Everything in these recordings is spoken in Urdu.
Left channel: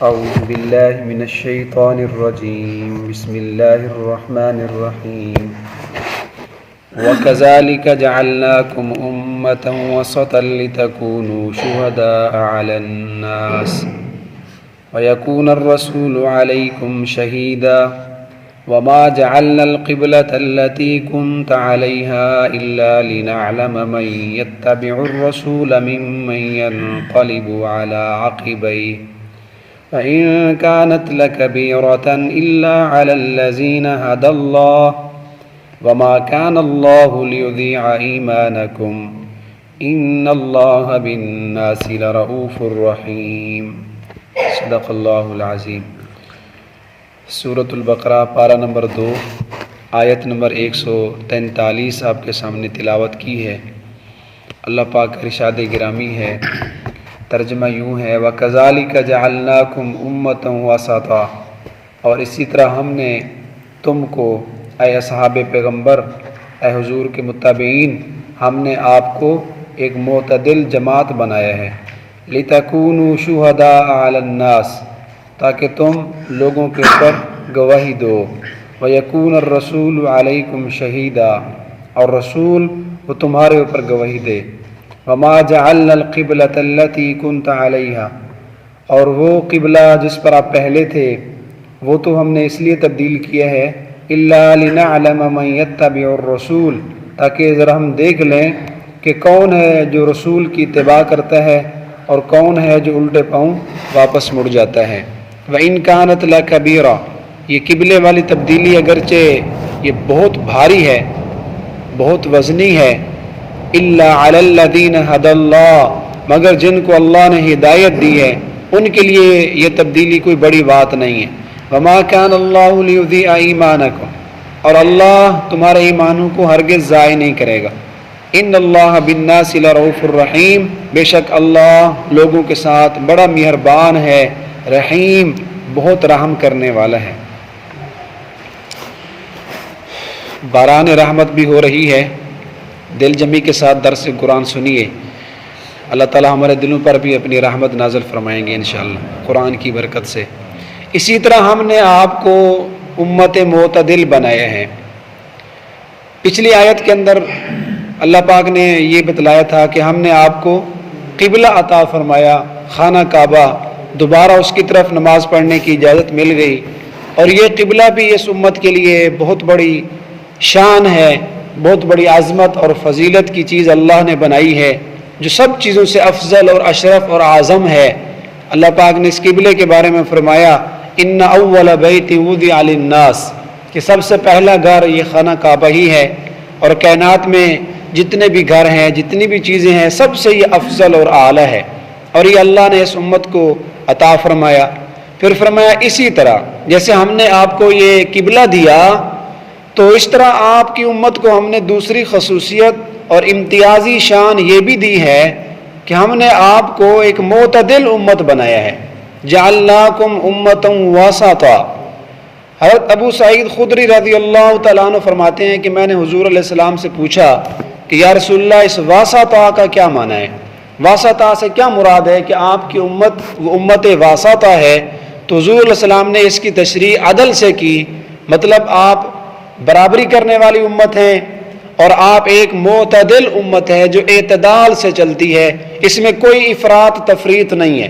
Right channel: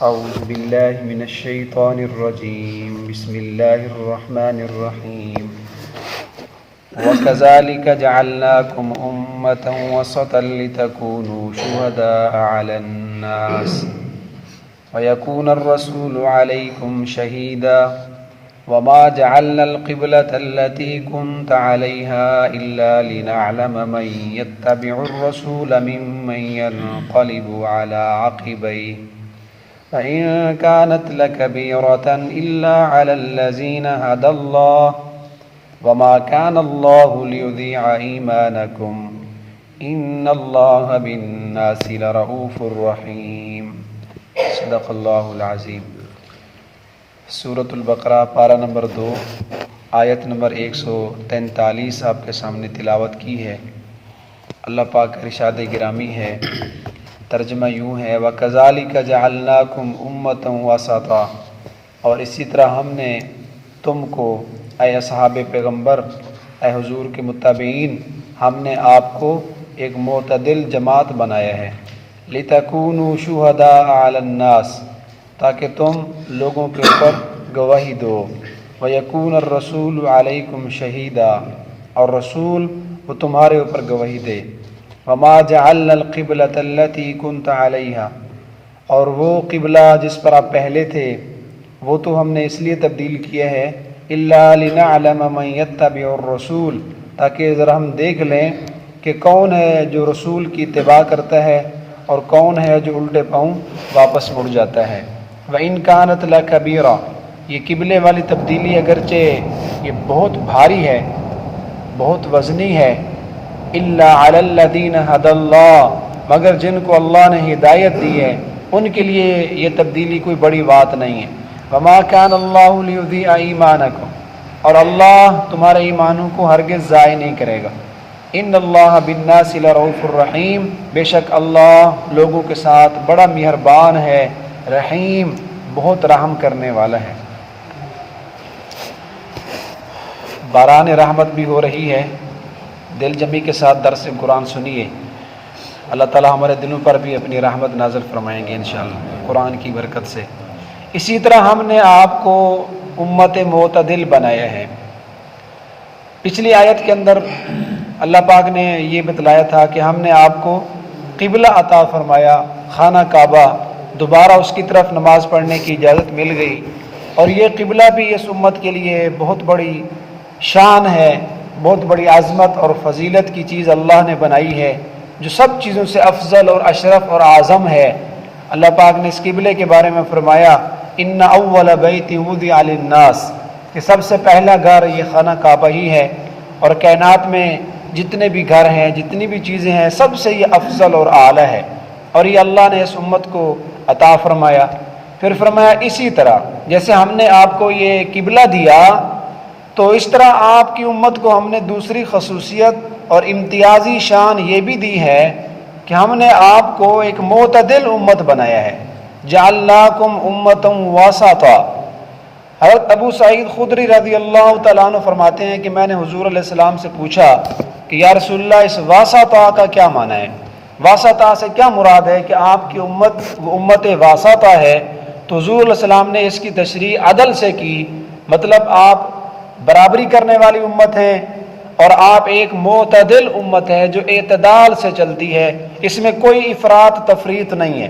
أعوذ بالله من الشيطان الرجيم بسم الله الرحمن الرحيم وكذلك جعلناكم أمة وسطا لتكونوا شهداء على الناس ويكون الرسول عليكم شهيدا وما جعلنا القبلة التي كنت عليها إلا لنعلم من يتبع الرسول ممن ينقلب على عقبيه فإن كانت لكبيرة إلا على الذين هدى الله وما كان الله ليضيع إيمانكم إن الله بالناس لرؤوف رحيم صدق اللہ العظیم۔ سورۃ البقرہ پارہ نمبر 2 آیت نمبر 143 آپ کے سامنے تلاوت کی ہے۔ اللہ پاک کا ارشاد گرامی ہے، ترجمہ یوں ہے وَكَذَلِكَ جَعَلْنَاكُمْ أُمَّةً وَسَطًا، اور اسی طرح ہم نے تم کو اے اصحاب پیغمبر، اے حضور کے متابعین، ہم نے آپ کو ایک معتدل جماعت بنایا ہے۔ لِتَكُونُوا شُهَدَاءَ عَلَى النَّاسِ، تاکہ تم لوگوں کے اوپر گواہی دو۔ وَيَكُونَ الرَّسُولُ عَلَيْكُمْ شَهِيدًا، اور رسول وہ تمہارے اوپر گواہی دے۔ وَمَا جَعَلْنَا الْقِبْلَةَ الَّتِي كُنْتَ عَلَيْهَا، اور وہ قبلہ جس پر آپ پہلے تھے وہ تو ہم نے اس لیے تبدیل کیا ہے إِلَّا لِنَعْلَمَ مَنْ يَتَّبِعُ الرَّسُولَ، تاکہ ذرا ہم دیکھ لیں کہ کون ہے جو رسول کی اتباع کرتا ہے اور کون ہے جو الٹے پاؤں واپس مڑ جاتا ہے۔ وَإِنْ كَانَتْ لَكَبِيرَةٌ، یہ قبلے والی تبدیلی اگرچہ یہ بہت بھاری ہے، بہت وزنی ہے، إِلَّا عَلَى الَّذِينَ هَدَى اللَّهُ، مگر جن کو اللہ نے ہدایت دی ہے ان کے لیے یہ تبدیلی کوئی بڑی بات نہیں ہے۔ وَمَا كَانَ اللَّهُ لِيُضِيعَ إِيمَانَكُمْ، اور اللہ تمہارے ایمانوں کو ہرگز ضائع نہیں کرے گا۔ ان اللہ بالناس لرؤوف الرحیم، بے شک اللہ لوگوں کے ساتھ بڑا مہربان ہے، رحیم بہت رحم کرنے والا ہے۔ باران رحمت بھی ہو رہی ہے، دل جمی کے ساتھ درس قرآن سنیے، اللہ تعالی ہمارے دلوں پر بھی اپنی رحمت نازل فرمائیں گے انشاءاللہ قرآن کی برکت سے۔ اسی طرح ہم نے آپ کو امت معتدل بنایا ہے۔ پچھلی آیت کے اندر اللہ پاک نے یہ بتلایا تھا کہ ہم نے آپ کو قبلہ عطا فرمایا، خانہ کعبہ، دوبارہ اس کی طرف نماز پڑھنے کی اجازت مل گئی، اور یہ قبلہ بھی اس امت کے لیے بہت بڑی شان ہے، بہت بڑی عظمت اور فضیلت کی چیز اللہ نے بنائی ہے، جو سب چیزوں سے افضل اور اشرف اور اعظم ہے۔ اللہ پاک نے اس قبلے کے بارے میں فرمایا ان اول بیت وضع للناس، کہ سب سے پہلا گھر یہ خانہ کعبہ ہی ہے، اور کائنات میں جتنے بھی گھر ہیں، جتنی بھی چیزیں ہیں، سب سے یہ افضل اور اعلیٰ ہے، اور یہ اللہ نے اس امت کو عطا فرمایا۔ پھر فرمایا اسی طرح جیسے ہم نے آپ کو یہ قبلہ دیا تو اس طرح آپ کی امت کو ہم نے دوسری خصوصیت اور امتیازی شان یہ بھی دی ہے کہ ہم نے آپ کو ایک معتدل امت بنایا ہے۔ جعلناکم امۃ وسطا۔ حضرت ابو سعید خدری رضی اللہ تعالیٰ عنہ فرماتے ہیں کہ میں نے حضور علیہ السلام سے پوچھا کہ یا رسول اللہ اس واسطہ کا کیا معنی ہے، واسطہ سے کیا مراد ہے کہ آپ کی امت وہ امت واسطہ ہے؟ تو حضور علیہ السلام نے اس کی تشریح عدل سے کی، مطلب آپ برابری کرنے والی امت ہیں، اور آپ ایک معتدل امت ہے جو اعتدال سے چلتی ہے، اس میں کوئی افراط تفریط نہیں ہے۔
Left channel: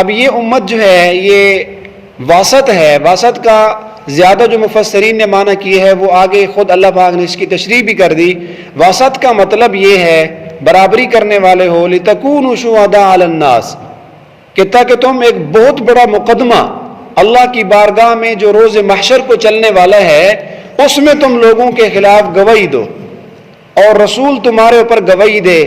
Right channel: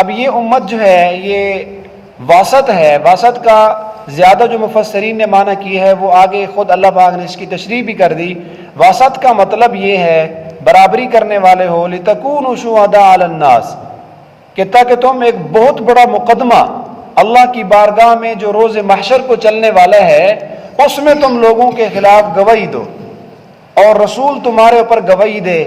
اب یہ امت جو ہے یہ واسط ہے، واسط کا زیادہ جو مفسرین نے معنی کی ہے وہ آگے خود اللہ پاک نے اس کی تشریح بھی کر دی۔ واسط کا مطلب یہ ہے برابری کرنے والے ہو، لِتَكُونُوا شُهَدَاءَ عَلَى النَّاسِ، کہ تاکہ تم ایک بہت بڑا مقدمہ اللہ کی بارگاہ میں جو روز محشر کو چلنے والا ہے اس میں تم لوگوں کے خلاف گواہی دو، اور رسول تمہارے اوپر گواہی دے۔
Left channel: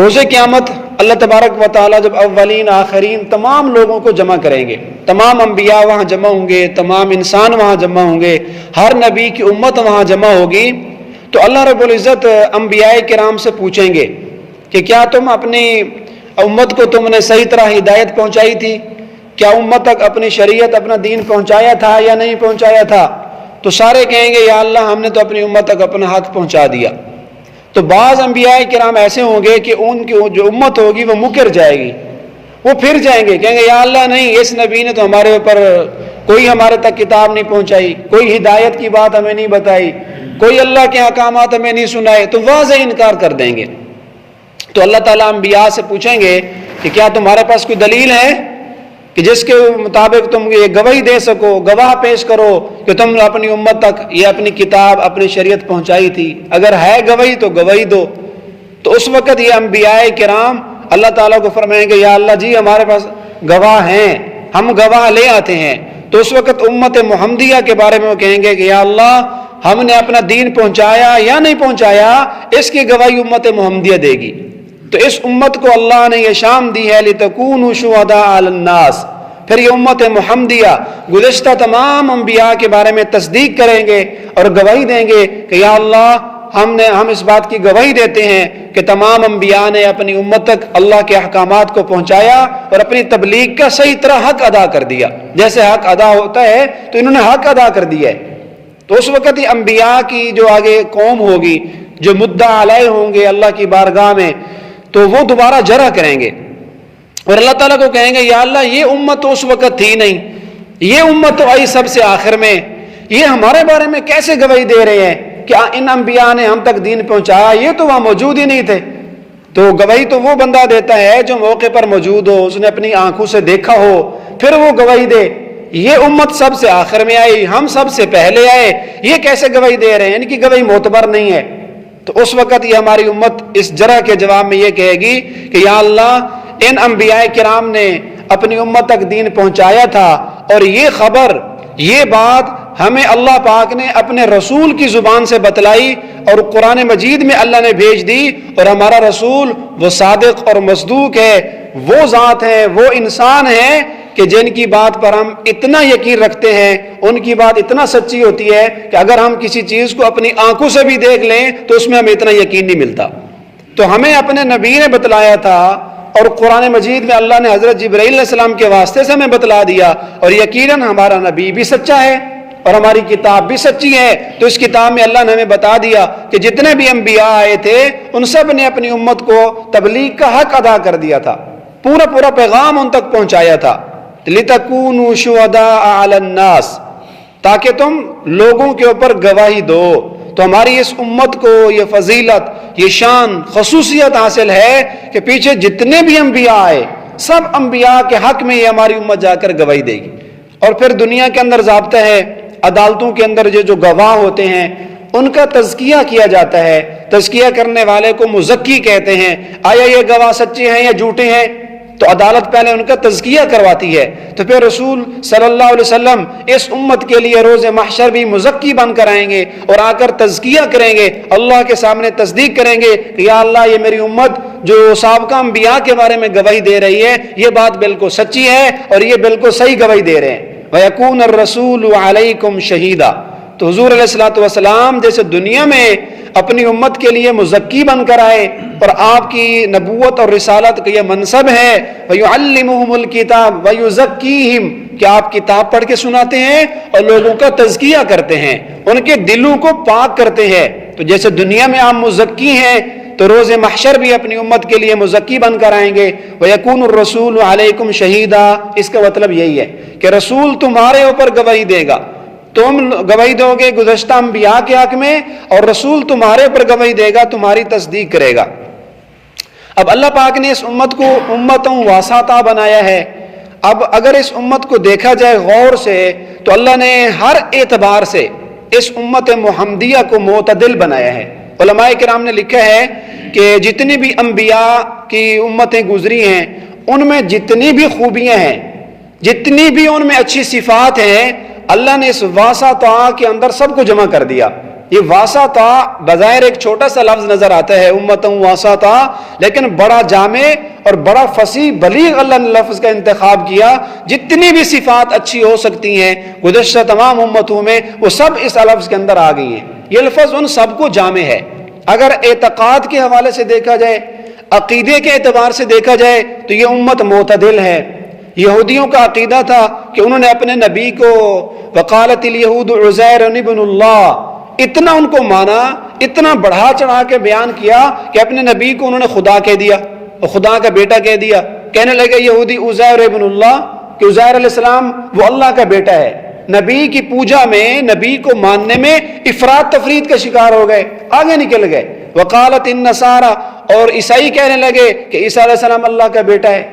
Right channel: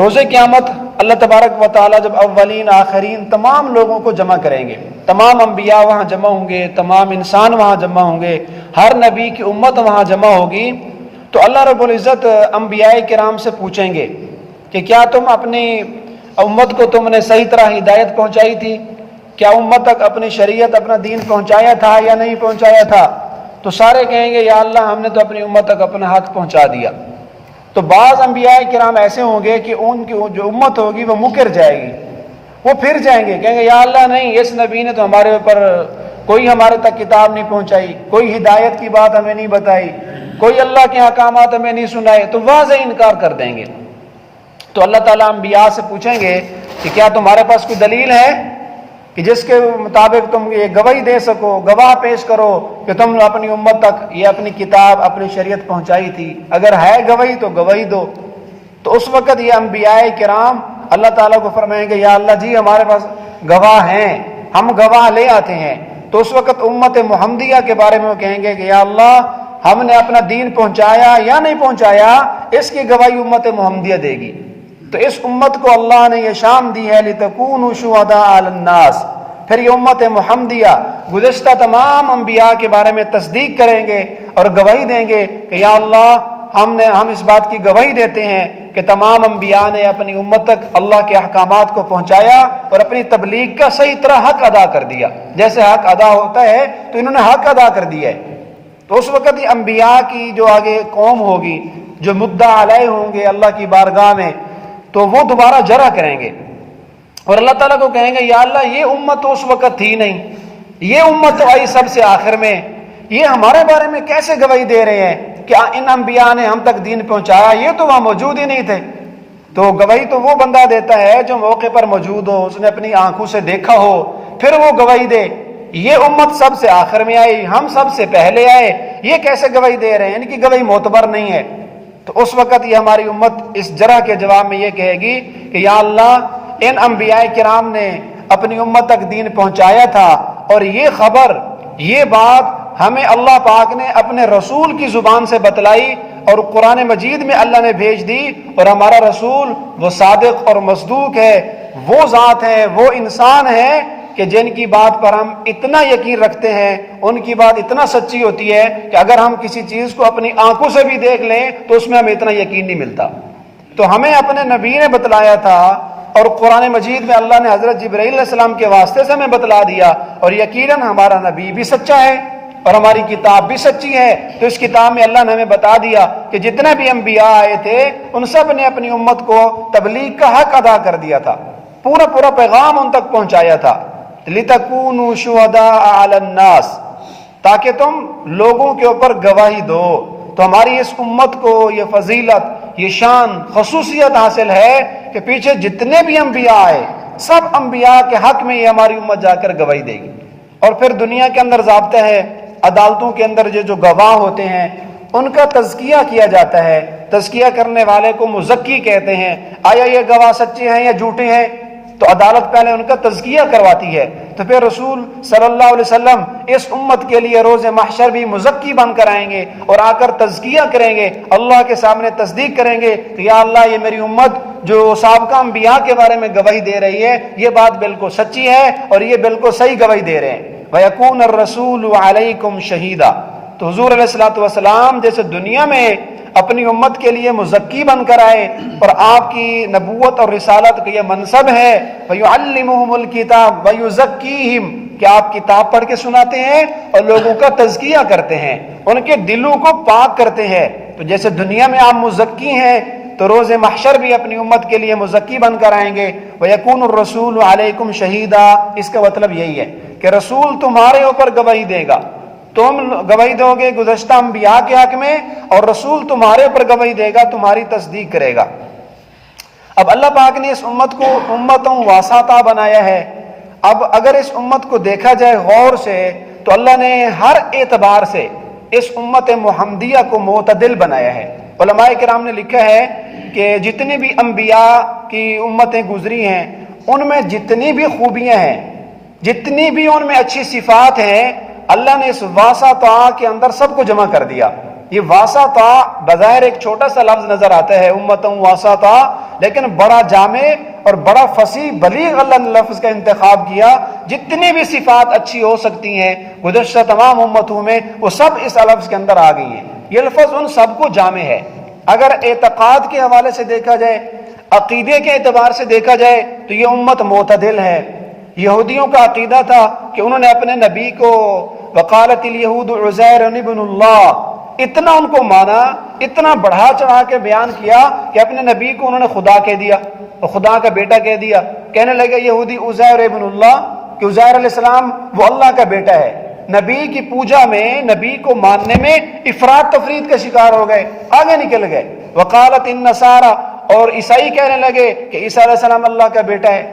روز قیامت اللہ تبارک و تعالیٰ جب اولین آخرین تمام لوگوں کو جمع کریں گے، تمام انبیاء وہاں جمع ہوں گے، تمام انسان وہاں جمع ہوں گے، ہر نبی کی امت وہاں جمع ہوگی، تو اللہ رب العزت انبیاء کرام سے پوچھیں گے کہ کیا تم اپنی امت کو تم نے صحیح طرح ہدایت پہنچائی تھی؟ کیا امت تک اپنی شریعت اپنا دین پہنچایا تھا یا نہیں پہنچایا تھا؟ تو سارے کہیں گے یا اللہ ہم نے تو اپنی امت تک اپنا حق پہنچا دیا۔ تو بعض انبیاء کرام ایسے ہوں گے کہ ان کی جو امت ہوگی وہ مکر جائے گی، وہ پھر جائیں گے، کہیں گے یا اللہ نہیں، اس نبی نے تو ہمارے اوپر کوئی ہمارے تک کتاب نہیں پہنچائی، کوئی ہدایت کی بات ہمیں نہیں بتائی، کوئی اللہ کے احکامات ہمیں نہیں سنائے، تو واضح انکار کر دیں گے۔ تو اللہ تعالیٰ انبیاء سے پوچھیں گے کہ کیا تمہارے پاس کوئی دلیل ہے کہ جس کے مطابق تم یہ گواہی دے سکو، گواہ پیش کرو کہ تم نے اپنی امت تک یہ اپنی کتاب، اپنی شریعت پہنچائی تھی؟ اگر ہے گواہی تو گواہی دو۔ تو اس وقت یہ انبیاء کرام اللہ تعالیٰ کو فرمائیں گے یا اللہ جی ہمارے پاس گواہ ہیں، ہم گواہ لے آتے ہیں۔ تو اس وقت امت محمدیہ کے بارے میں وہ کہیں گے کہ یا اللہ ہم نے اپنا دین پہنچایا یا نہیں پہنچایا، اس کی گواہی امت محمدیہ دے گی۔ تو اس امت کو اللہ نے یہ شان دی ہے لِتَكُونُوا شُهَدَاءَ عَلَى النَّاسِ۔ پھر یہ امت محمدیہ گزشتہ تمام انبیاء کے بارے میں تصدیق کریں گے اور گواہی دیں گے کہ یا اللہ ہم اس بات کی گواہی دیتے ہیں کہ تمام انبیاء نے اپنی امت تک اللہ کے احکامات کو پہنچایا اور اپنی تبلیغ کا صحیح طرح حق ادا کر دیا۔ جیسے حق ادا ہوتا ہے تو انہوں نے حق ادا کر دیا ہے۔ تو اس وقت یہ انبیاء کی جو آگے قوم ہوگی، جو مدعا علیہ ہوں گے اللہ کی بارگاہ میں، تو وہ دوبارہ جرح کریں گے اور اللہ تعالیٰ کو کہیں گے یا اللہ یہ امت تو اس وقت تھی نہیں، یہ امت تو آئی سب سے آخر میں، یہ ہمارے بارے میں کیسے گواہی دے رہے ہیں کہ ان انبیاء نے ہم تک دین پہنچایا، یہ تو وہاں موجود ہی نہیں تھے۔ تو گواہی تو وہ بندہ دیتا ہے جو موقع پر موجود ہو، اس نے اپنی آنکھوں سے دیکھا ہو، پھر وہ گواہی دے۔ یہ امت سب سے آخر میں آئی، ہم سب سے پہلے آئے، یہ کیسے گواہی دے رہے ہیں؟ ان کی گواہی معتبر نہیں ہے۔ تو اس وقت یہ ہماری امت اس جرح کے جواب میں یہ کہے گی کہ یا اللہ ان انبیاء کرام نے اپنی امت تک دین پہنچایا تھا، اور یہ خبر، یہ بات ہمیں اللہ پاک نے اپنے رسول کی زبان سے بتلائی اور قرآن مجید میں اللہ نے بھیج دی، اور ہمارا رسول وہ صادق اور مصدوق ہے، وہ ذات ہے، وہ انسان ہے کہ جن کی بات پر ہم اتنا یقین رکھتے ہیں، ان کی بات اتنا سچی ہوتی ہے کہ اگر ہم کسی چیز کو اپنی آنکھوں سے بھی دیکھ لیں تو اس میں ہمیں اتنا یقین نہیں ملتا۔ تو ہمیں اپنے نبی نے بتلایا تھا، اور قرآن مجید میں اللہ نے حضرت جبرائیل علیہ السلام کے واسطے سے ہمیں بتلا دیا، اور یقیناً ہمارا نبی بھی سچا ہے اور ہماری کتاب بھی سچی ہے۔ تو اس کتاب میں اللہ نے ہمیں بتا دیا کہ جتنے بھی انبیاء آئے تھے ان سب نے اپنی امت کو تبلیغ کا حق ادا کر دیا تھا، پورا پیغام ان تک پہنچایا تھا۔ لِتَكُونُوا شُهَدَاءَ عَلَى النَّاسِ، تاکہ تم لوگوں کے اوپر گواہی دو۔ تو ہماری اس امت کو یہ فضیلت، یہ شان، خصوصیت حاصل ہے کہ پیچھے جتنے بھی انبیاء آئے، سب انبیاء کے حق میں یہ ہماری امت جا کر گواہی دے گی۔ اور پھر دنیا کے اندر ضابطہ ہے، عدالتوں کے اندر جو گواہ ہوتے ہیں ان کا تزکیہ کیا جاتا ہے۔ تزکیہ کرنے والے کو مزکی کہتے ہیں۔ آیا یہ گواہ سچے ہیں یا جھوٹے ہیں؟ تو عدالت پہلے ان کا تزکیہ کرواتی ہے۔ تو پھر رسول صلی اللہ علیہ وسلم اس امت کے لیے روز محشر بھی مزکی بن کر آئیں گے اور آ کر تزکیہ کریں گے، اللہ کے سامنے تصدیق کریں گے کہ یا اللہ یہ میری امت جو سابقہ انبیاء کے بارے میں گواہی دے رہی ہے، یہ بات بالکل سچی ہے اور یہ بالکل صحیح گواہی دے رہے ہیں۔ وَيَكُونَ الرَّسُولُ عَلَيْكُمْ شَهِيدًا۔ تو حضور علیہ الصلوۃ والسلام جیسے دنیا میں اپنی امت کے لیے مزکی بن کر آئے اور آپ کی نبوت اور رسالت کا یہ منصب ہے، وَيُعَلِّمُهُمُ الْكِتَابَ وَيُزَكِّيهِمْ، کہ آپ کتاب پڑھ کے سناتے ہیں اور لوگوں کا تزکیہ کرتے ہیں، ان کے دلوں کو پاک کرتے ہیں۔ تو جیسے دنیا میں آپ مزکی ہیں تو روز محشر بھی اپنی امت کے لیے مزکی بن کر آئیں گے۔ وَيَكُونُ الرَّسُولُ عَلَيْكُمْ شَهِيدًا، اس کا مطلب یہی ہے کہ رسول تمہارے اوپر گواہی دے گا، تم گواہی دو گے گزشتہ انبیاء کے حق میں، اور رسول تمہارے اوپر گواہی دے گا، تمہاری تصدیق کرے گا۔ اب اللہ پاک نے اس امت کو امتوں واسطہ بنایا ہے۔ اب اگر اس امت کو دیکھا جائے غور سے تو اللہ نے ہر اعتبار سے اس امت محمدیہ کو معتدل بنایا ہے۔ علماء کرام نے لکھا ہے کہ جتنی بھی انبیاء کی امتیں گزری ہیں ان میں جتنی بھی خوبیاں ہیں، جتنی بھی ان میں اچھی صفات ہیں، اللہ نے اس واسطہ کے اندر سب کو جمع کر دیا۔ یہ واسطہ بظاہر ایک چھوٹا سا لفظ نظر آتا ہے، امتوں واسطہ، لیکن بڑا جامع اور بڑا فصیح بلیغ اللہ نے لفظ کا انتخاب کیا۔ جتنی بھی صفات اچھی ہو سکتی ہیں گزشتہ تمام امتوں میں، وہ سب اس لفظ کے اندر آ گئی ہیں۔ یہ لفظ ان سب کو جامع ہے۔ اگر اعتقاد کے حوالے سے دیکھا جائے، عقیدے کے اعتبار سے دیکھا جائے تو یہ امت معتدل ہے۔ یہودیوں کا عقیدہ تھا کہ انہوں نے اپنے نبی کو وقالت الیہود عزیر ابن اللہ، اتنا ان کو مانا، اتنا بڑھا چڑھا کے بیان کیا کہ اپنے نبی کو انہوں نے خدا کہہ دیا، خدا کا بیٹا کہہ دیا۔ کہنے لگے یہودی عزیر ابن اللہ کہ عزیر علیہ السلام وہ اللہ کا بیٹا ہے. نبی کی پوجا میں، نبی کو ماننے میں افراد تفرید کا شکار ہو گئے، آگے نکل گئے. وقالت النصارى، اور عیسائی کہنے لگے کہ عیسیٰ علیہ السلام اللہ کا بیٹا ہے.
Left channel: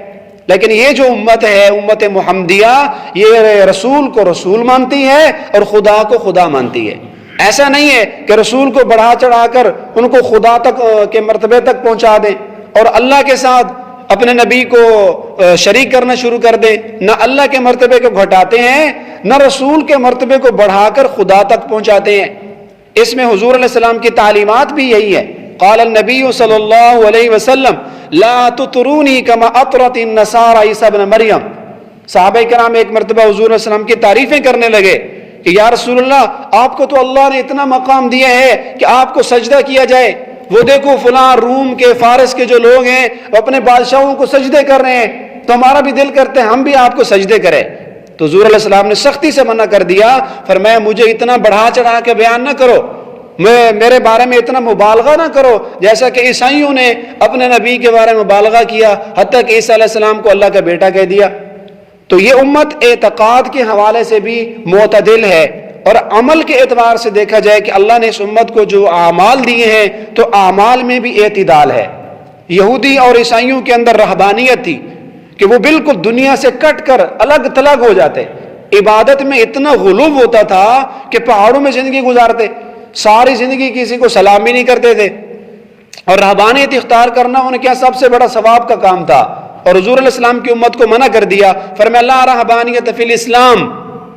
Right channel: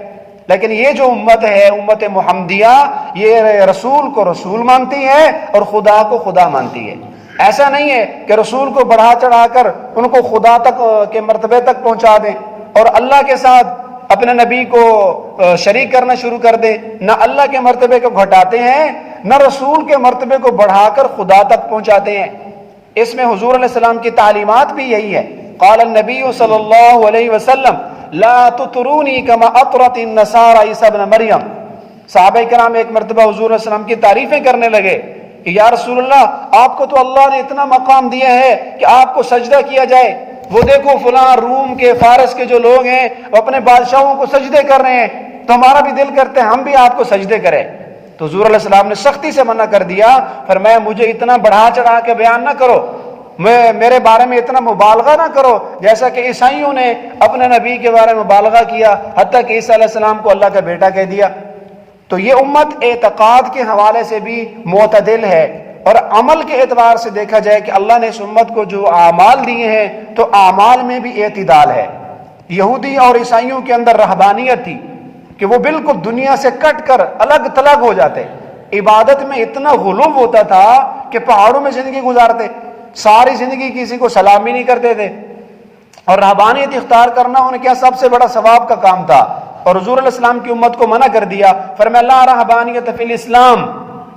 لیکن یہ جو امت ہے، امت محمدیہ، یہ رسول کو رسول مانتی ہے اور خدا کو خدا مانتی ہے. ایسا نہیں ہے کہ رسول کو بڑھا چڑھا کر ان کو خدا تک کے مرتبے تک پہنچا دیں اور اللہ کے ساتھ اپنے نبی کو شریک کرنا شروع کر دیں. نہ اللہ کے مرتبے کو گھٹاتے ہیں، نہ رسول کے مرتبے کو بڑھا کر خدا تک پہنچاتے ہیں. اس میں حضور علیہ السلام کی تعلیمات بھی یہی ہے. قال النبی صلی اللہ علیہ وسلم لا تطرونی کما اطرت النصارى عیسیٰ ابن مریم. صحابہ کرام ایک مرتبہ حضور علیہ السلام کی تعریفیں کرنے لگے کہ یا رسول اللہ، آپ کو تو اللہ نے اتنا مقام دیا ہے کہ آپ کو سجدہ کیا جائے. وہ دیکھو فلاں روم کے، فارس کے جو لوگ ہیں وہ اپنے بادشاہوں کو سجدے کر رہے ہیں، تو ہمارا بھی دل کرتے ہیں ہم بھی آپ کو سجدے کریں. تو حضور علیہ السلام نے سختی سے منع کر دیا، فرمایا مجھے اتنا بڑھا چڑھا کے بیان نہ کرو، میرے بارے میں اتنا مبالغہ نہ کرو جیسا کہ عیسائیوں نے اپنے نبی کے بارے میں مبالغہ کیا، حتیٰ کہ عیسیٰ علیہ السلام کو اللہ کا بیٹا کہہ دیا. تو یہ امت اعتقاد کے حوالے سے بھی معتدل ہے، اور عمل کے اعتبار سے دیکھا جائے کہ اللہ نے اس امت کو جو اعمال دیے ہیں تو اعمال میں بھی اعتدال ہے. یہودی اور عیسائیوں کے اندر رہبانیت تھی کہ وہ بالکل دنیا سے کٹ کر الگ تھلگ ہو جاتے. عبادت میں اتنا غلو ہوتا تھا کہ پہاڑوں میں زندگی گزارتے، ساری زندگی کسی کو سلام بھی نہیں کرتے تھے. اور رہبانیت اختیار کرنا ان کے سب سے بڑا ثواب کا کام تھا. اور حضور علیہ السلام کی امت کو منع کر دیا، فرمایا لا رہبانیت فی الاسلام.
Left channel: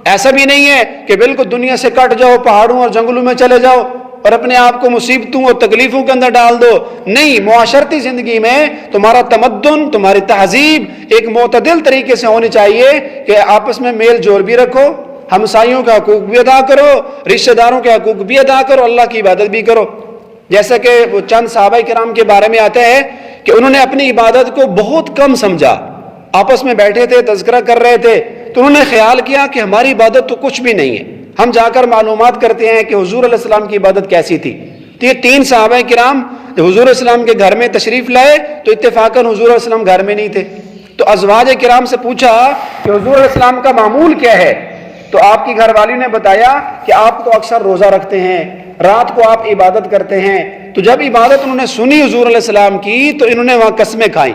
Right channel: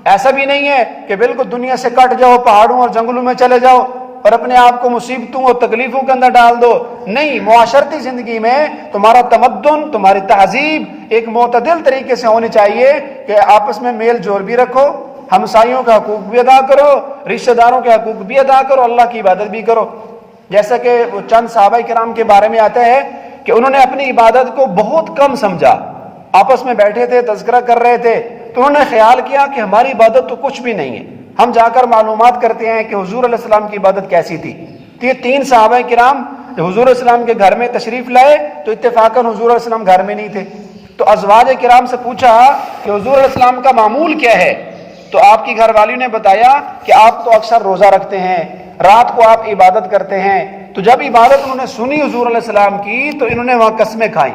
ایسا بھی نہیں ہے کہ بالکل دنیا سے کٹ جاؤ، پہاڑوں اور جنگلوں میں چلے جاؤ اور اپنے آپ کو مصیبتوں اور تکلیفوں کے اندر ڈال دو. نہیں، معاشرتی زندگی میں تمہارا تمدن، تمہاری تہذیب ایک معتدل طریقے سے ہونی چاہیے کہ آپس میں میل جول بھی رکھو، ہمسایوں کا حقوق بھی ادا کرو، رشتہ داروں کے حقوق بھی ادا کرو، اللہ کی عبادت بھی کرو. جیسا کہ وہ چند صحابہ کرام کے بارے میں آتا ہے کہ انہوں نے اپنی عبادت کو بہت کم سمجھا. آپس میں بیٹھے تھے، تذکرہ کر رہے تھے، تو انہوں نے خیال کیا کہ ہماری عبادت تو کچھ بھی نہیں ہے. ہم جا کر معلومات کرتے ہیں کہ حضور علیہ السلام کی عبادت کیسی تھی. تو یہ تین صحابہ کرام جب حضور علیہ السلام کے گھر میں تشریف لائے تو اتفاقاً حضور علیہ السلام گھر میں نہیں تھے. تو ازواج کرام سے پوچھا کہ حضور علیہ السلام کا معمول کیا ہے؟ تو آپ کی گھر والی نے بتایا کہ آپ تو اکثر روزہ رکھتے ہیں، رات کو آپ عبادت کرتے ہیں. تو جب عبادت انہوں نے سنی حضور علیہ السلام کی تو انہوں نے وہاں قسمیں کھائیں.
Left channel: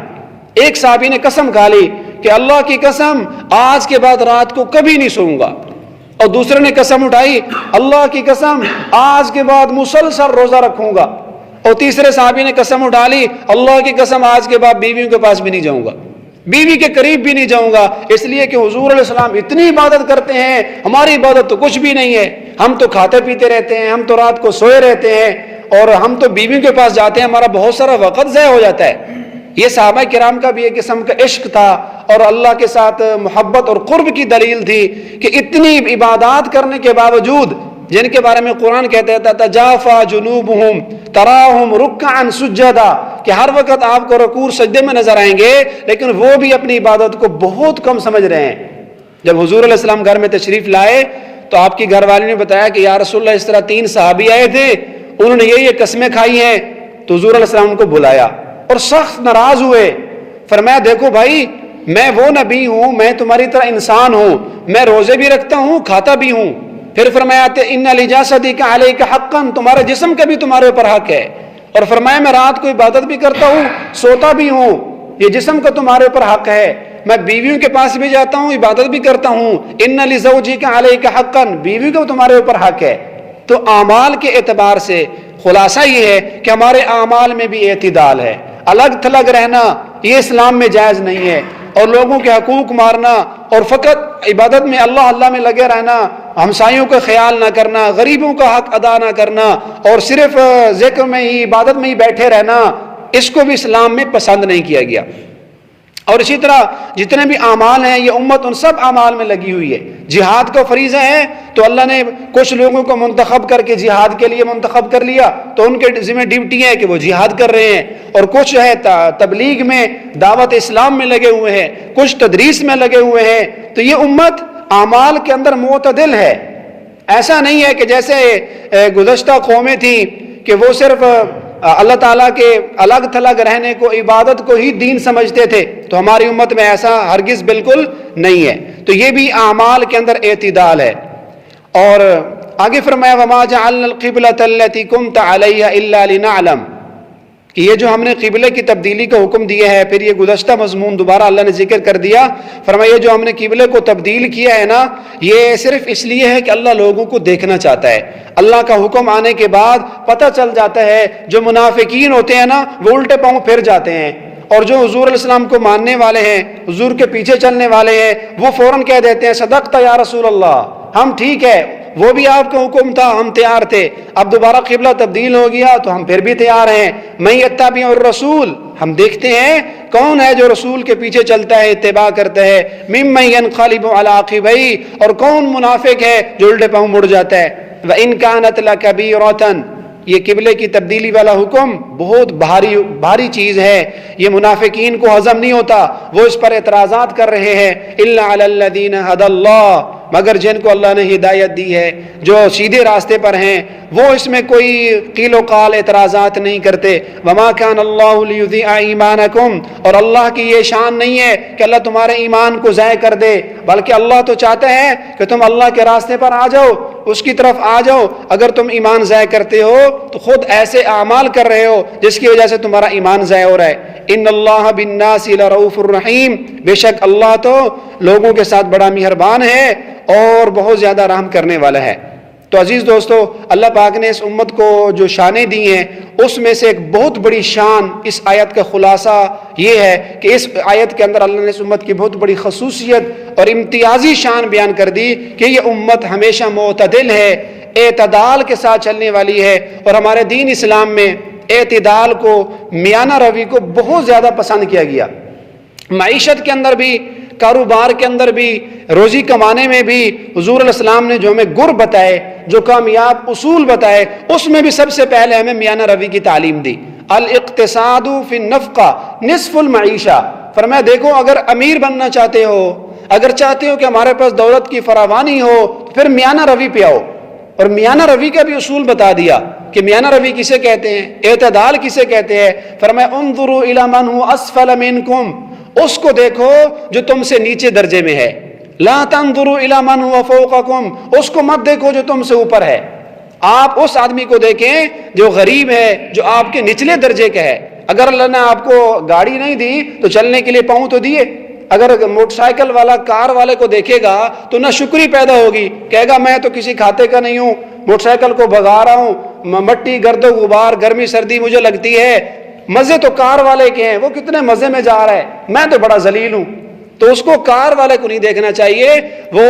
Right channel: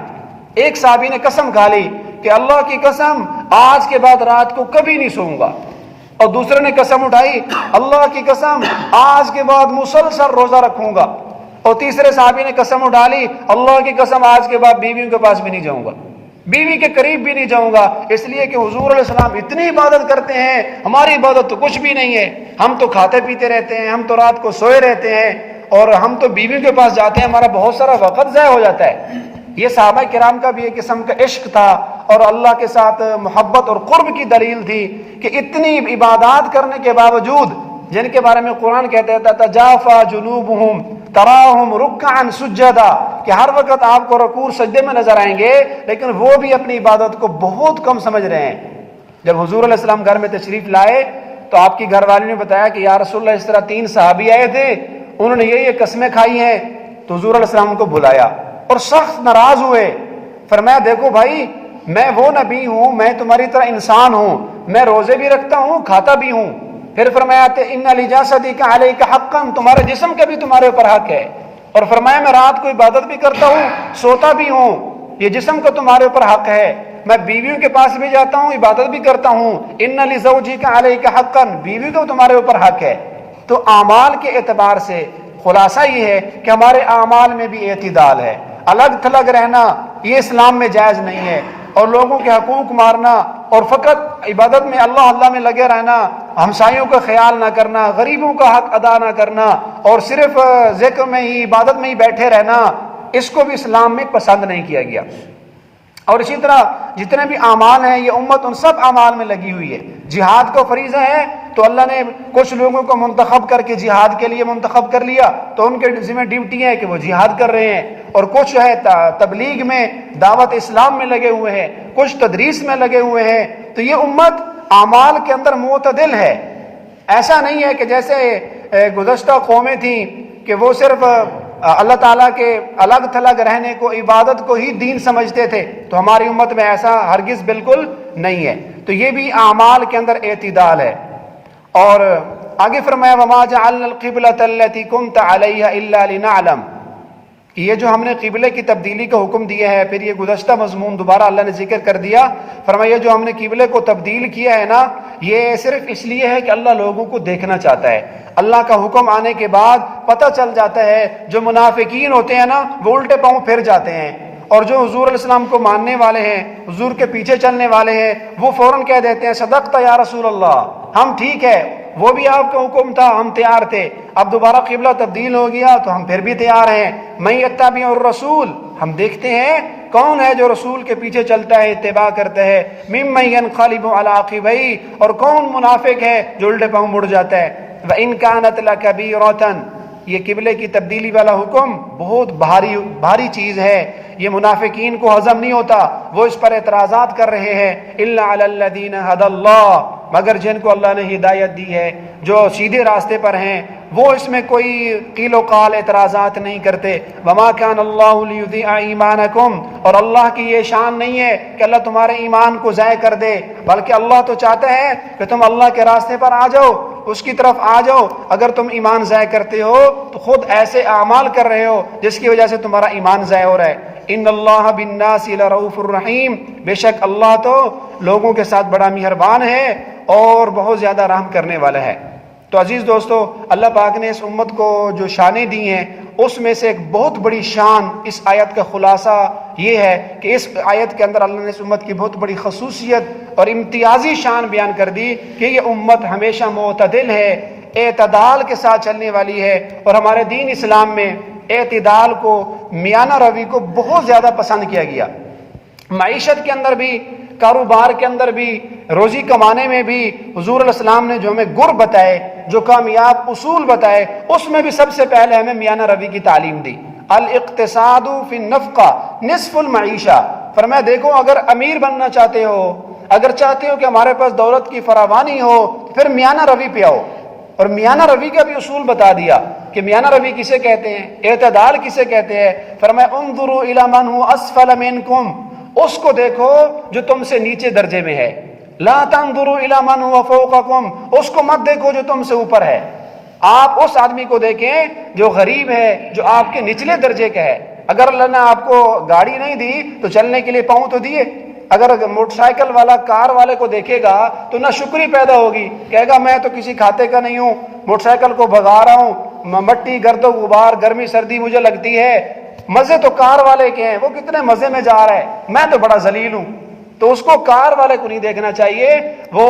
ایک صحابی نے قسم کھا لی کہ اللہ کی قسم آج کے بعد رات کو کبھی نہیں سوؤں گا. اور دوسرے نے قسم اٹھائی اللہ کی قسم آج کے بعد مسلسل روزہ رکھوں گا. اور تیسرے صحابی نے قسم اٹھا لی اللہ کی قسم آج کے بعد بیویوں کے پاس بھی نہیں جاؤں گا، بیوی کے قریب بھی نہیں جاؤں گا، اس لیے کہ حضور علیہ السلام اتنی عبادت کرتے ہیں، ہماری عبادت تو کچھ بھی نہیں ہے. ہم تو کھاتے پیتے رہتے ہیں، ہم تو رات کو سوئے رہتے ہیں، اور ہم تو بیویوں کے پاس جاتے ہیں، ہمارا بہت سارا وقت ضائع ہو جاتا ہے. یہ صحابہ کرام کا بھی ایک قسم کا عشق تھا اور اللہ کے ساتھ محبت اور قرب کی دلیل تھی کہ اتنی عبادات کرنے کے باوجود، جن کے بارے میں قرآن کہتا تھا تجافا جنوبہم تراہم رکعا سجدا، کہ ہر وقت آپ کو رکوع سجدے میں نظر آئیں گے، لیکن وہ بھی اپنی عبادت کو بہت کم سمجھ رہے ہیں. جب حضور علیہ السلام گھر میں تشریف لائے تو آپ کی گھر والی نے بتایا کہ یا رسول اللہ اس طرح تین صحابی آئے تھے، انہوں نے یہ قسمیں کھائی ہیں. تو حضور علیہ السلام کو بلایا اور سخت ناراض ہوئے. فرمایا دیکھو بھائی، میں وہ نبی ہوں، میں تمہاری طرح انسان ہوں، میں روزے بھی رکھتا ہوں، کھاتا بھی ہوں. پھر فرمایا ان لجسدک علیک حقا، تمہارے جسم کا بھی تمہارے اوپر حق ہے. اور فرمایا میں رات کو عبادت بھی کرتا ہوں، سوتا بھی ہوں، یہ جسم کا تمہارے اوپر حق ہے. میں بیویوں کے پاس بھی جاتا ہوں، عبادت بھی کرتا ہوں. ان لزوجک علیک حقا، بیوی کا تمہارے اوپر حق ہے. تو اعمال کے اعتبار سے خلاصہ یہ ہے کہ ہمارے اعمال میں بھی اعتدال ہے. الگ تھلگ رہنا یہ اسلام میں جائز نہیں ہے، اور لوگوں کے حقوق مارنا اور فقط عبادت میں اللہ اللہ میں لگے رہنا، ہمسایوں کا خیال نہ کرنا، غریبوں کا حق ادا نہ کرنا، اور صرف ذکر میں ہی عبادت میں ہی بیٹھے رہنا، اس کو بھی اسلام میں پسند نہیں کیا گیا. اور اسی طرح جتنے بھی اعمال ہیں یہ امت ان سب اعمال میں لگی ہوئی ہے. جہاد کا فریضہ ہے تو اللہ نے کچھ لوگوں کو منتخب کر کے جہاد کے لیے منتخب کر لیا، تو ان کے ذمہ ڈیوٹی ہے کہ وہ جہاد کر رہے ہیں. اور کچھ ہے تبلیغ میں، دعوت اسلام میں لگے ہوئے ہیں، کچھ تدریس میں لگے ہوئے ہیں. تو یہ امت اعمال کے اندر معتدل ہے. ایسا نہیں ہے کہ جیسے گزشتہ قومیں تھیں کہ وہ صرف اللہ تعالیٰ کے الگ تھلگ رہنے کو، عبادت کو ہی دین سمجھتے تھے، تو ہماری امت میں ایسا ہرگز بالکل نہیں ہے۔ تو یہ بھی اعمال کے اندر اعتدال ہے۔ اور آگے فرمایا وَمَا جَعَلْنَا الْقِبْلَةَ الَّتِي كُنْتَ عَلَيْهَا إِلَّا لِنَعْلَمَ، کہ یہ جو ہم نے قبلے کی تبدیلی کا حکم دیا ہے، پھر یہ گزشتہ مضمون دوبارہ اللہ نے ذکر کر دیا، فرمایا جو ہم نے قبلے کو تبدیل کیا ہے نا، یہ صرف اس لیے ہے کہ اللہ لوگوں کو دیکھنا چاہتا ہے۔ اللہ کا حکم آنے کے بعد پتہ چل جاتا ہے، جو منافقین ہوتے ہیں نا وہ الٹے پاؤں پھر جاتے ہیں، اور جو حضور علیہ السلام کو ماننے والے ہیں، حضور کے پیچھے چلنے والے ہیں، وہ فوراً کہہ دیتے ہیں صدقت یا رسول اللہ، ہم ٹھیک ہے، وہ بھی آپ کا حکم تھا، ہم تیار تھے، اب دوبارہ قبلہ تبدیل ہو گیا تو ہم پھر بھی تیار ہیں۔ من یتبع الرسول، ہم دیکھتے ہیں کون ہے جو رسول کے پیچھے چلتا ہے، اتباع کرتا ہے، ممن ینقلب علی عقبیہ، اور کون منافق ہے جو الٹے پاؤں مڑ جاتا ہے۔ وَإِن كَانَتْ لَكَبِيرَةً، یہ قبلے کی تبدیلی والا حکم بہت بھاری چیز ہے، یہ منافقین کو ہضم نہیں ہوتا، وہ اس پر اعتراضات کر رہے ہیں۔ إِلَّا عَلَى الَّذِينَ هَدَى اللَّهُ، مگر جن کو اللہ نے ہدایت دی ہے، جو سیدھے راستے پر ہیں، وہ اس میں کوئی قیل و قال اعتراضات نہیں کرتے۔ وَمَا كَانَ اللَّهُ لِيُضِيعَ إِيمَانَكُمْ، اور اللہ کی یہ شان نہیں ہے کہ اللہ تمہارے ایمان کو ضائع کر دے، بلکہ اللہ تو چاہتا ہے کہ تم اللہ کے راستے پر آ جاؤ، اس کی طرف آ جاؤ۔ اگر تم ایمان ضائع کرتے ہو تو خود ایسے اعمال کر رہے ہو جس کی وجہ سے تمہارا ایمان ضائع ہو رہا ہے۔ ان اللہ بالناس لرؤوف الرحیم، بے شک اللہ تو لوگوں کے ساتھ بڑا مہربان ہے اور بہت زیادہ رحم کرنے والا ہے۔ تو عزیز دوستو، اللہ پاک نے اس امت کو جو شانیں دی ہیں، اس میں سے ایک بہت بڑی شان، اس آیت کا خلاصہ یہ ہے کہ اس آیت کے اندر اللہ نے اس امت کی بہت بڑی خصوصیت اور امتیازی شان بیان کر دی کہ یہ امت ہمیشہ معتدل ہے، اعتدال کے ساتھ چلنے والی ہے، اور ہمارے دین اسلام میں اعتدال کو، میانہ روی کو بہت زیادہ پسند کیا گیا۔ معیشت کے اندر بھی، کاروبار کے اندر بھی، روزی کمانے میں بھی حضور علیہ السلام نے جو ہمیں گر بتائے، جو کامیاب اصول بتائے، اس میں بھی سب سے پہلے ہمیں میانہ روی کی تعلیم دی۔ الاقتصاد فی النفقہ نصف المعیشہ، فرمایا دیکھو اگر امیر بننا چاہتے ہو، اگر چاہتے ہو کہ ہمارے پاس دولت کی فراوانی ہو، تو پھر میانہ روی پہ آؤ، اور میانہ روی کا بھی اصول بتا دیا کہ میانہ روی کسے کہتے ہیں، اعتدال کسے کہتے ہیں۔ فرمایا انظروا الی من هو اسفل منکم، اس کو دیکھو جو تم سے نیچے درجے میں ہے، لا تنظروا الی من هو فوقکم، اس کو مت دیکھو جو تم سے اوپر ہے، آپ اس آدمی کو دیکھیں جو غریب ہے، جو آپ کے نچلے درجے کا ہے۔ اگر اللہ نے آپ کو گاڑی نہیں دی تو چلنے کے لیے پاؤں تو دیے، اگر موٹر سائیکل والا کار والے کو دیکھے گا تو نہ شکری پیدا ہوگی، کہے گا میں تو کسی کھاتے کا نہیں ہوں، موٹر سائیکل کو بھگا رہا ہوں، مٹی گرد و غبار گرمی سردی مجھے لگتی ہے، مزے تو کار والے کے ہیں، وہ کتنے مزے میں جا رہا ہے، میں تو بڑا ذلیل ہوں۔ تو اس کو کار والے کو نہیں دیکھنا چاہیے، وہ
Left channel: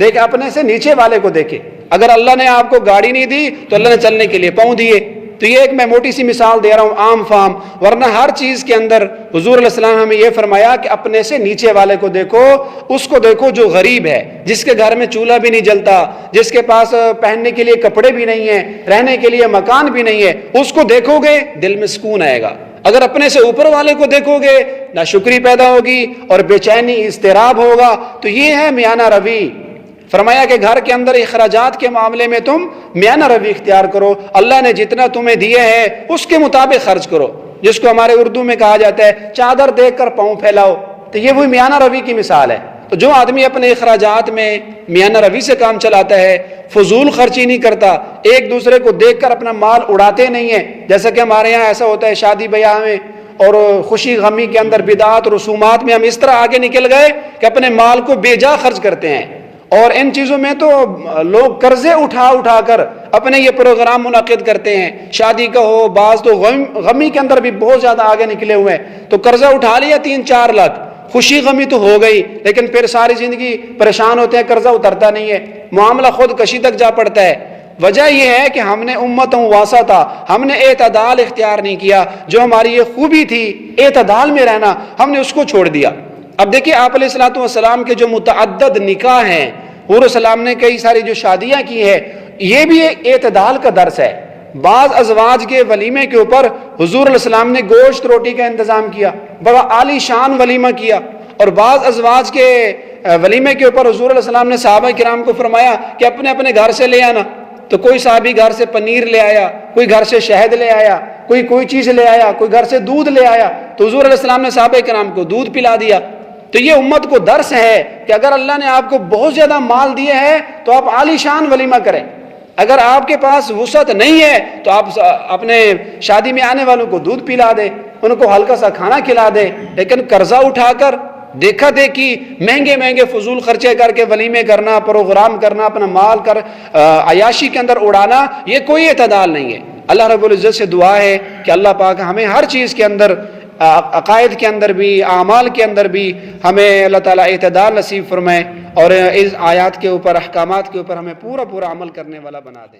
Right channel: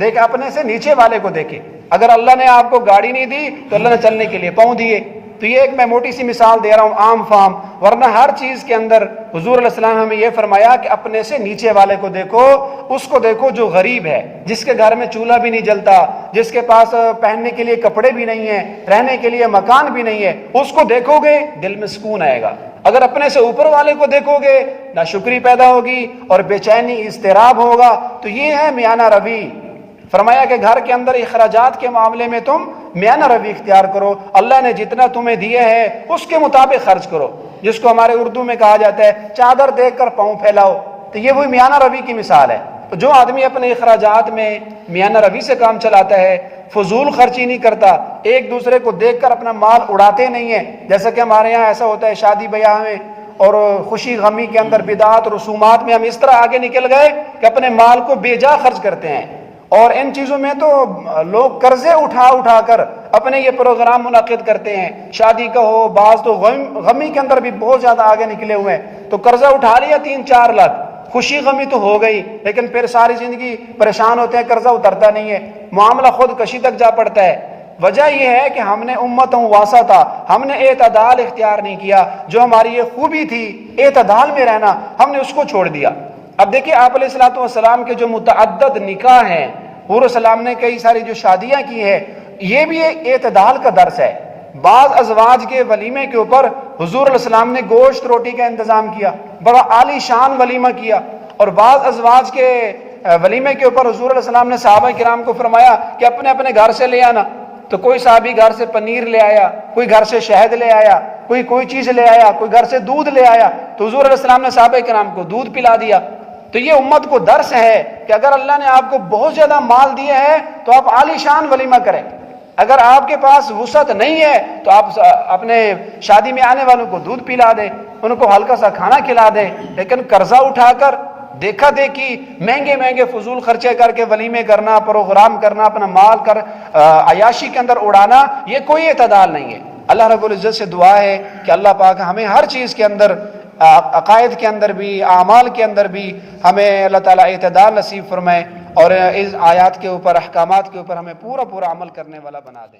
دیکھ اپنے سے نیچے والے کو دیکھے۔ اگر اللہ نے آپ کو گاڑی نہیں دی تو اللہ نے چلنے کے لیے پاؤں دیے۔ تو یہ ایک میں موٹی سی مثال دے رہا ہوں عام فہم، ورنہ ہر چیز کے اندر حضور علیہ السلام ہمیں یہ فرمایا کہ اپنے سے نیچے والے کو دیکھو، اس کو دیکھو جو غریب ہے، جس کے گھر میں چولہا بھی نہیں جلتا، جس کے پاس پہننے کے لیے کپڑے بھی نہیں ہیں، رہنے کے لیے مکان بھی نہیں ہے، اس کو دیکھو گے دل میں سکون آئے گا۔ اگر اپنے سے اوپر والے کو دیکھو گے ناشکری پیدا ہوگی اور بے چینی اضطراب ہوگا۔ تو یہ ہے میانہ روی۔ فرمایا کہ گھر کے اندر اخراجات کے معاملے میں تم میانہ روی اختیار کرو، اللہ نے جتنا تمہیں دیا ہے اس کے مطابق خرچ کرو، جس کو ہمارے اردو میں کہا جاتا ہے چادر دیکھ کر پاؤں پھیلاؤ۔ تو یہ وہی میانہ روی کی مثال ہے۔ تو جو آدمی اپنے اخراجات میں میانہ روی سے کام چلاتا ہے، فضول خرچی نہیں کرتا، ایک دوسرے کو دیکھ کر اپنا مال اڑاتے نہیں ہیں، جیسا کہ ہمارے یہاں ایسا ہوتا ہے شادی بیاہ میں اور خوشی غمی کے اندر بدعات رسومات میں ہم اس طرح آگے نکل گئے کہ اپنے مال کو بے جا خرچ کرتے ہیں، اور ان چیزوں میں تو لوگ قرضے اٹھا کر اپنے یہ پروگرام منعقد کرتے ہیں، شادی کا ہو، بعض تو غمی کے اندر بھی بہت زیادہ آگے نکلے ہوئے ہیں، تو قرضہ اٹھا لیا 3-4 لاکھ، خوشی غمی تو ہو گئی، لیکن پھر ساری زندگی پریشان ہوتے ہیں، قرضہ اترتا نہیں ہے، معاملہ خود کشی تک جا پڑتا ہے۔ وجہ یہ ہے کہ ہم نے امتوں واسطہ تھا، ہم نے اعتدال اختیار نہیں کیا، جو ہماری یہ خوبی تھی اعتدال میں رہنا، ہم نے اس کو چھوڑ دیا۔ اب دیکھیں آپ علیہ الصلوۃ والسلام کے جو متعدد نکاح ہیں، حضور علیہ السلام نے کئی ساری جو شادیاں کی ہیں، یہ بھی ایک اعتدال کا درس ہے۔ بعض ازواج کے ولیمے کے اوپر حضور علیہ السلام نے گوشت روٹی کا انتظام کیا، بڑا عالی شان ولیمہ کیا، اور بعض ازواج کے ولیمے کے اوپر حضور علیہ السلام نے صحابہ کرام کو فرمایا کہ اپنے اپنے گھر سے لے آنا، تو کوئی صحابی گھر سے پنیر لے آیا، کوئی گھر سے شہد لے آیا، کوئی چیز لے آیا، کوئی گھر سے دودھ لے آیا، تو حضور علیہ السلام نے صحابہ کرام کو دودھ پلا دیا۔ تو یہ امت کو درس ہے کہ اگر اللہ نے آپ کو بہت زیادہ مال دیا ہے تو آپ عالی شان ولیمہ کریں، اگر آپ کے پاس وسعت نہیں ہے تو آپ اپنے شادی میں آنے والوں کو دودھ پلا دے، ان کو ہلکا سا کھانا کھلا دے، لیکن قرضہ اٹھا کر دیکھا دیکھی مہنگے فضول خرچے کر کے ولیمے کرنا، پروگرام کرنا، اپنا مال کر عیاشی کے اندر اڑانا، یہ کوئی اعتدال نہیں ہے۔ اللہ رب العزت سے دعا ہے کہ اللہ پاک ہمیں ہر چیز کے اندر، عقائد کے اندر بھی، اعمال کے اندر بھی ہمیں اللہ تعالیٰ اعتدال نصیب فرمائے، اور اس آیات کے اوپر، احکامات کے اوپر ہمیں پورا عمل کرنے والا بنا دے۔